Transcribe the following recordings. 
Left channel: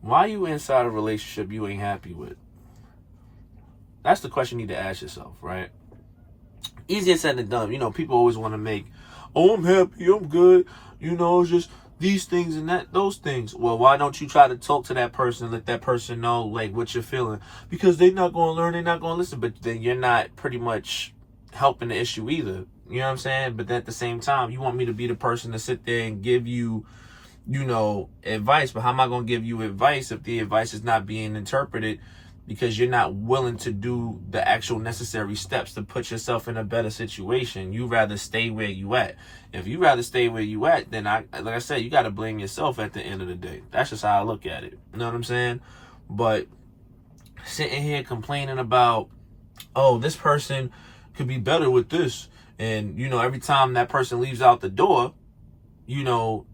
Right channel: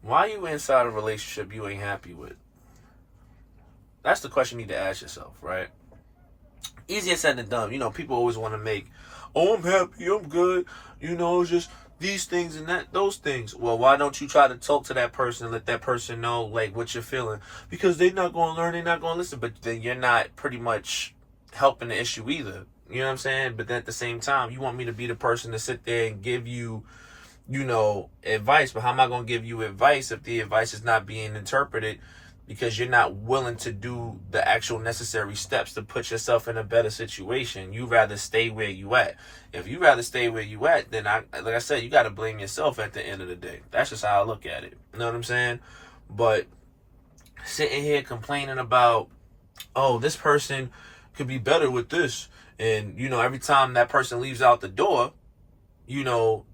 Why are you inside a relationship you ain't happy with? That's the question you need to ask yourself, right? Easier said than done. People always want to make, oh, I'm happy, I'm good. It's just these things and those things. Well, why don't you try to talk to that person and let that person know, like, what you're feeling? Because they're not going to learn, they're not going to listen. But then you're not pretty much helping the issue either. You know what I'm saying? But then at the same time, you want me to be the person to sit there and give you, advice. But how am I going to give you advice if the advice is not being interpreted because you're not willing to do the actual necessary steps to put yourself in a better situation? You rather stay where you at. If you rather stay where you at, then like I said, you got to blame yourself at the end of the day. That's just how I look at it. You know what I'm saying? But sitting here complaining about, oh, this person could be better with this. And, every time that person leaves out the door,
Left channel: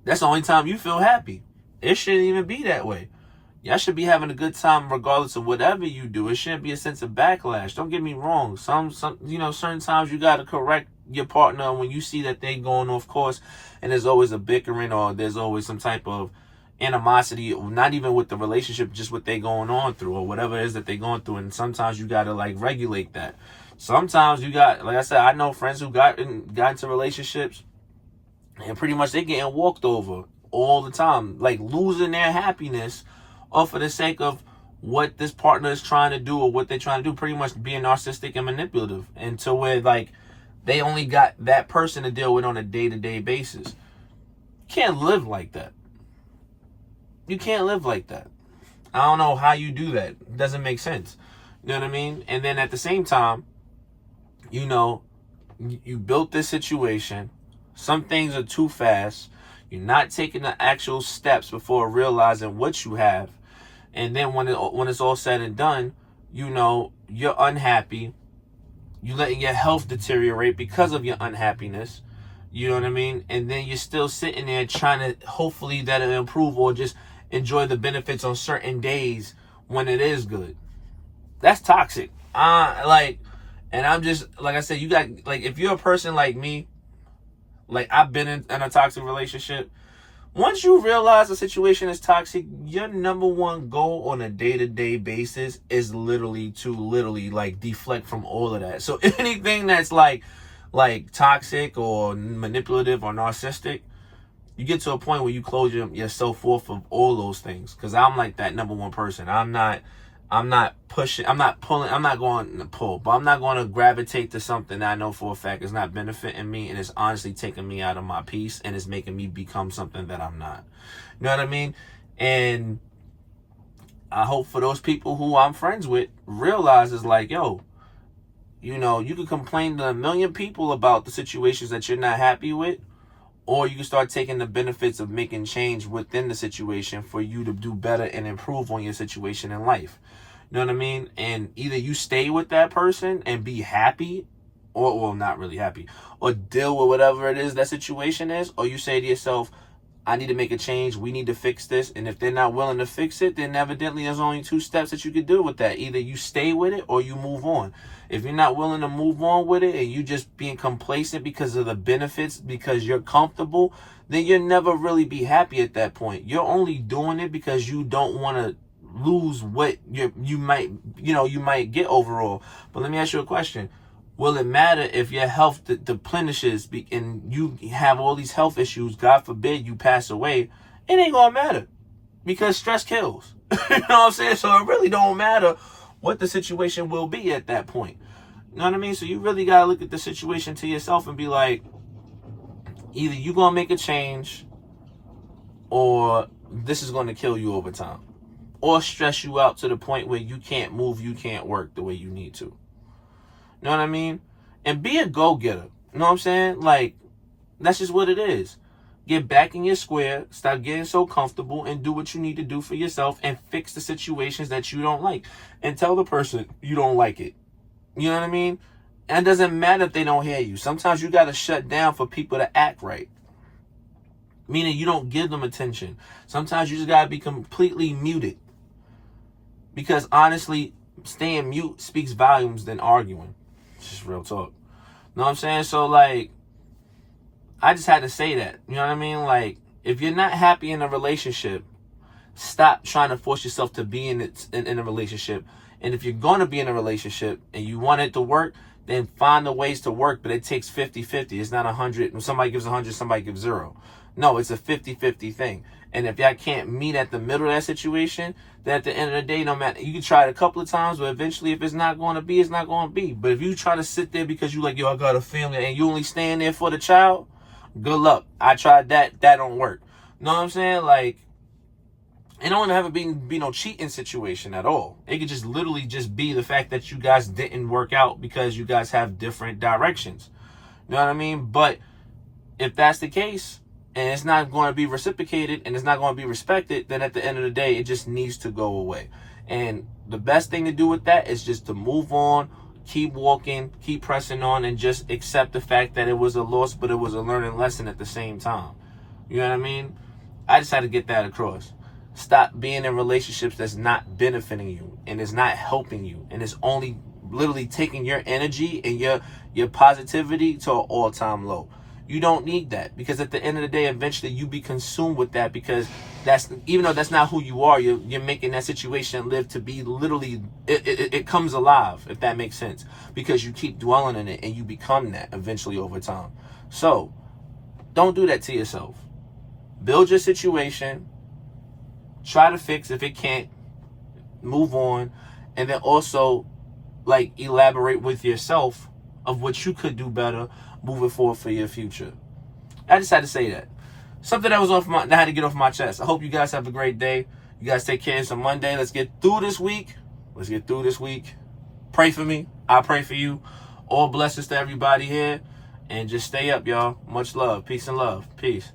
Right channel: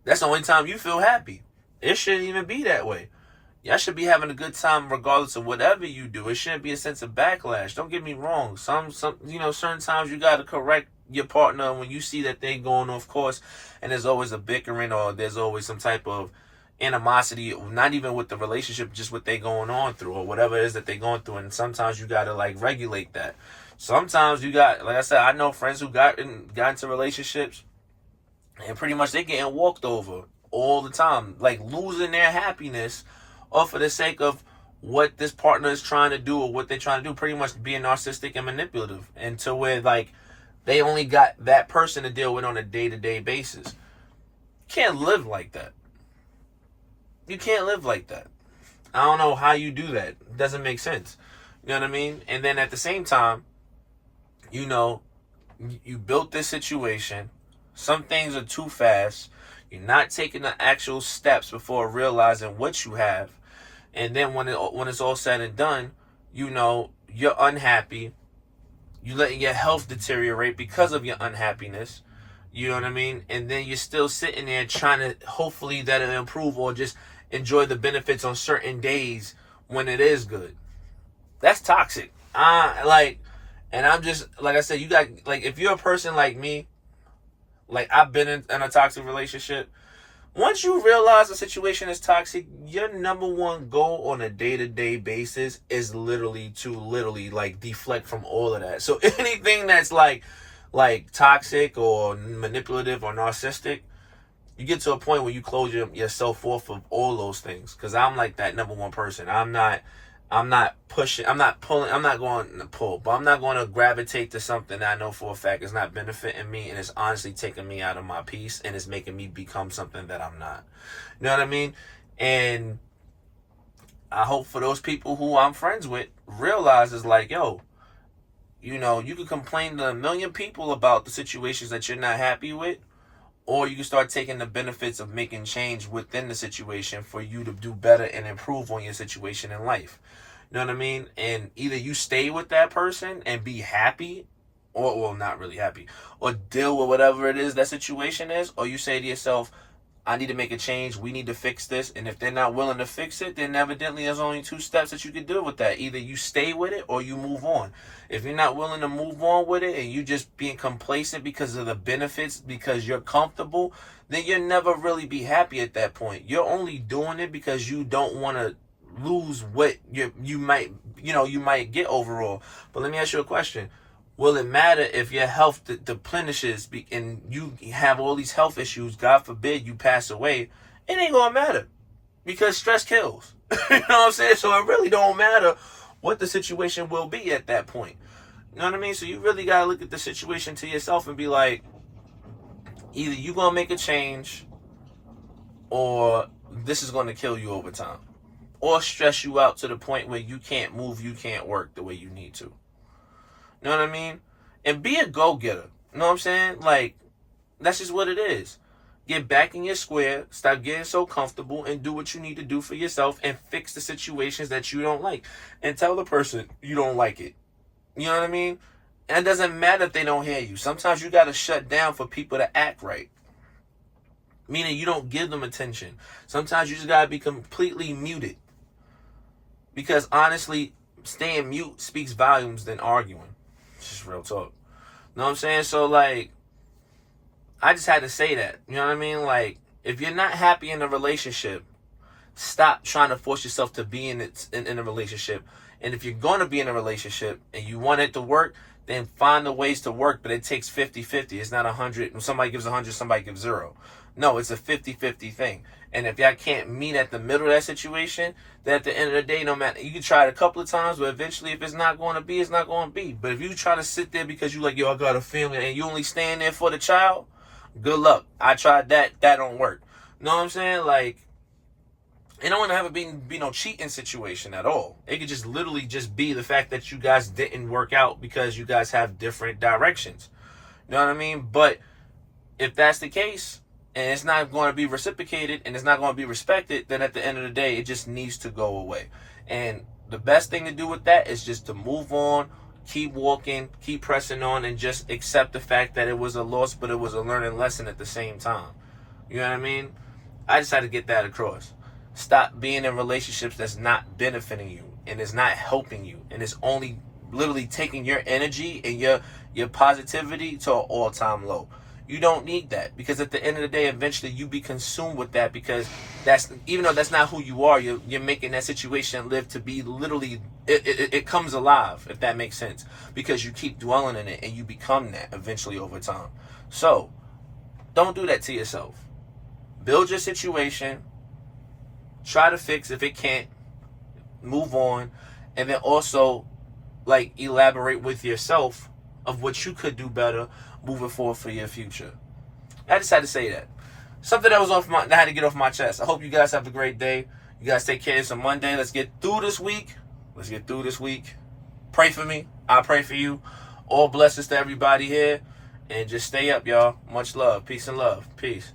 that's the only time you feel happy. It shouldn't even be that way. Y'all should be having a good time regardless of whatever you do. It shouldn't be a sense of backlash. Don't get me wrong. Some certain times you got to correct your partner when you see that they going off course and there's always a bickering or there's always some type of animosity, not even with the relationship, just what they going on through or whatever it is that they going through. And sometimes you got to regulate that. Sometimes you got, like I said, I know friends who got into relationships and pretty much they getting walked over all the time, like losing their happiness or for the sake of what this partner is trying to do or what they're trying to do, pretty much being narcissistic and manipulative, and to where they only got that person to deal with on a day-to-day basis. You can't live like that. You can't live like that. I don't know how you do that. It doesn't make sense. You know what I mean? And then at the same time, you built this situation. Some things are too fast. You're not taking the actual steps before realizing what you have. And then when it's all said and done, you're unhappy. You're letting your health deteriorate because of your unhappiness. You know what I mean? And then you're still sitting there trying to hopefully that it'll improve or just enjoy the benefits on certain days when it is good. That's toxic. And I'm just, like I said, you got, if you're a person like me, I've been in a toxic relationship. Once you realize the situation is toxic, your number one goal on a day-to-day basis is to deflect from all of that. So anything that's like toxic or manipulative or narcissistic, you get to a point where you close yourself off of all those things. Because I'm like that number one person. I'm not pushing, I'm not going to pull, but I'm not going to gravitate to something that I know for a fact is not benefiting me and it's honestly taking me out of my peace and it's making me become something that I'm not. You know what I mean? And I hope for those people who I'm friends with realize it's yo, you can complain to a million people about the situations that you're not happy with, or you can start taking the benefits of making change within the situation for you to do better and improve on your situation in life. You know what I mean? And either you stay with that person and be happy, or, well, not really happy, or deal with whatever it is that situation is, or you say to yourself, I need to make a change, we need to fix this, and if they're not willing to fix it, then evidently there's only two steps that you could do with that. Either you stay with it or you move on. If you're not willing to move on with it and you just being complacent because of the benefits, because you're comfortable, then you'll never really be happy at that point. You're only doing it because you don't want to lose what you might get overall. But let me ask you a question. Will it matter if your health deplenishes and you have all these health issues? God forbid you pass away. It ain't gonna matter because stress kills. You know what I'm saying? So it really don't matter what the situation will be at that point. You know what I mean? So you really gotta look at the situation to yourself and be like, either you gonna make a change or this is gonna kill you over time, or stress you out to the point where you can't move, you can't work the way you need to. You know what I mean? And be a go-getter. You know what I'm saying? That's just what it is. Get back in your square, stop getting so comfortable, and do what you need to do for yourself and fix the situations that you don't like. And tell the person you don't like it. You know what I mean? And it doesn't matter if they don't hear you. Sometimes you got to shut down for people to act right. Meaning you don't give them attention. Sometimes you just got to be completely muted. Because honestly, staying mute speaks volumes than arguing. It's just real talk. You know what I'm saying? So, I just had to say that. You know what I mean? If you're not happy in a relationship, Stop trying to force yourself to be in a relationship. And if you're going to be in a relationship and you want it to work, then find the ways to work. But it takes 50-50. It's not 100. When somebody gives 100, somebody gives 0. No, it's a 50-50 thing. And if y'all can't meet at the middle of that situation, then at the end of the day, no matter, you can try it a couple of times, but eventually if it's not going to be, it's not going to be. But if you try to sit there because you like, yo, I got a family, and you only stand there for the child, good luck. I tried that. That don't work. You know what I'm saying? Like, it don't have to be no cheating situation at all. It could just literally just be the fact that you guys didn't work out because you guys have different directions. You know what I mean? But if that's the case, and it's not going to be reciprocated and it's not going to be respected, then at the end of the day, it just needs to go away. And the best thing to do with that is just to move on, keep walking, keep pressing on, and just accept the fact that it was a loss, but it was a learning lesson at the same time. You know what I mean? I just had to get that across. Stop being in relationships that's not benefiting you and is not helping you and is only literally taking your energy and your positivity to an all-time low. You don't need that, because at the end of the day, eventually you be consumed with that, because that's, even though that's not who you are, you're making that situation live to be literally, it comes alive, if that makes sense, because you keep dwelling in it and you become that eventually over time. So don't do that to yourself. Build your situation, try to fix if it can't, move on, and then also like elaborate with yourself of what you could do better moving forward for your future. I just had to say that. Something that was that I had to get off my chest. I hope you guys have a great day. You guys take care. It's a Monday. Let's get through this week. Pray for me. I pray for you. All blessings to everybody here. And just stay up, y'all. Much love. Peace and love. Peace.